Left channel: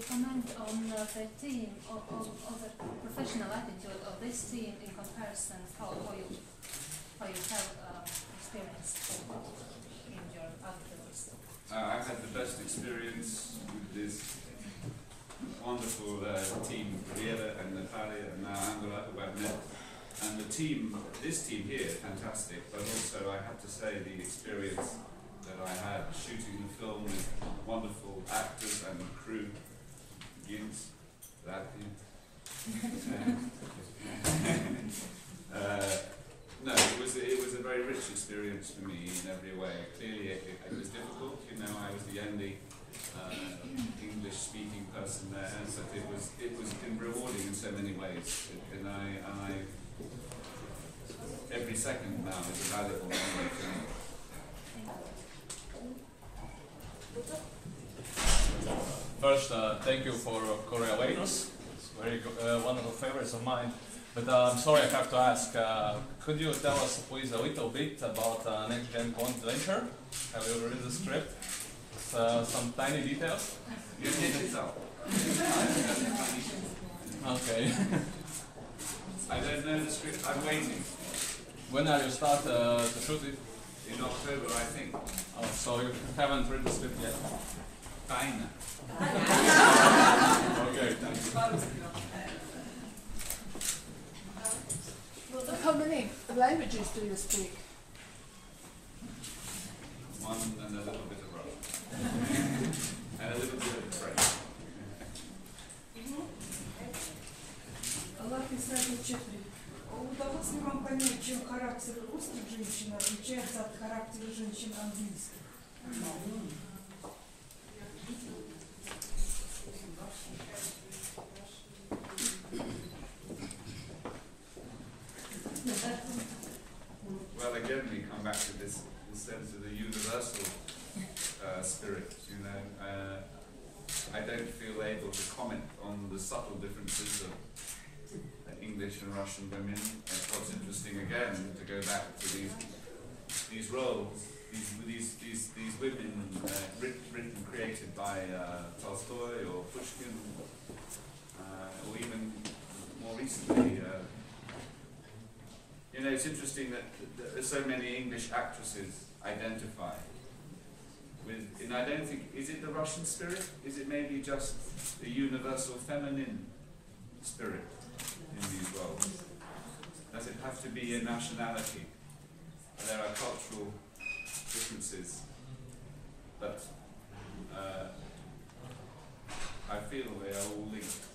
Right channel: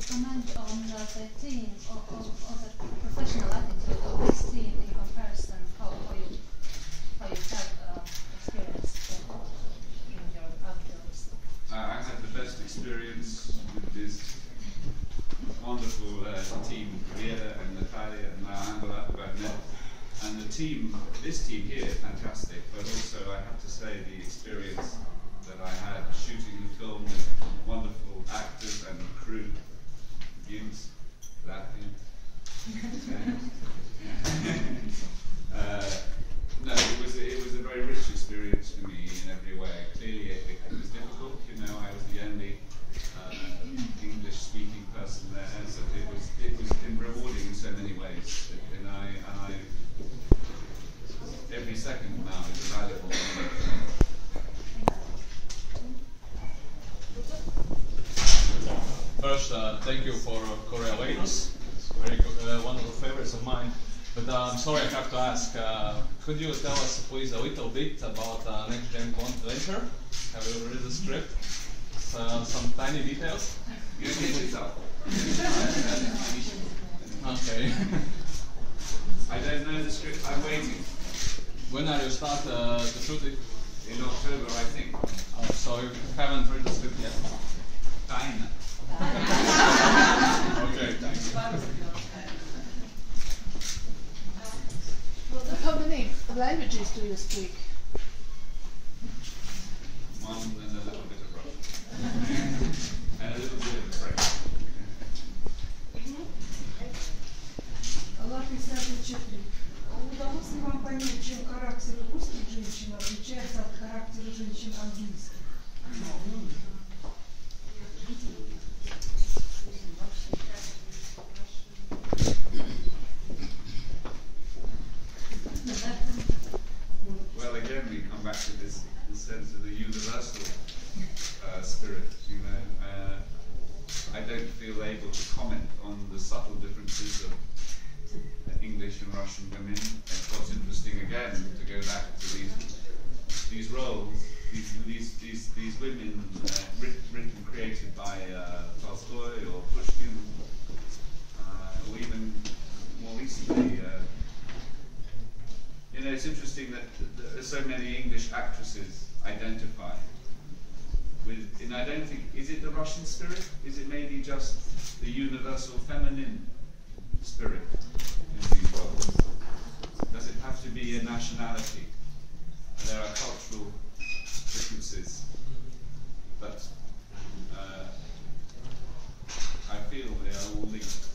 you comment on the team or the professional attitude of this team in comparison how you have experienced in your outdoors? I had the best experience with this wonderful team, Riera and Natalia and now Angola, who I've met. And the team, this team here, fantastic, but also I have to say the experience that I had shooting the film with wonderful actors and crew, Gims, Latvian. No, it was a very rich experience for me in every way. Clearly, it was difficult. You know, I was the only English-speaking person there, but it was rewarding in so many ways. And I every second now is a valuable moment for me. First, thank you for Coriolanus. It's very good, one of the favorites of mine. But I'm sorry, I have to ask. Could you tell us, please, a little bit about Next Gen Bond Venture? Have you read the script? Some tiny details. You take it out. Okay. I don't know the script. I'm waiting. When are you start to shoot it? In October, I think. So you haven't read the script yet? Kinda. Okay, thanks. How many languages do you speak? One and a little bit of Russian. And a little bit of French. Латвийский четверг. Удалось ли вам понять, чем характер русских женщин отличается от характера женщин английских? Well, again, we come back to this sense of the universal spirit. You know, I don't feel able to comment on the subtle differences of English and Russian women. It's what's interesting again to go back to these roles, these women written, created by Tolstoy or Pushkin, or even more recently. You know, it's interesting that there are so many English actresses identify with, and I don't think, is it the Russian spirit? Is it maybe just the universal feminine spirit in these roles? Does it have to be a nationality? There are cultural differences, but I feel they are all linked.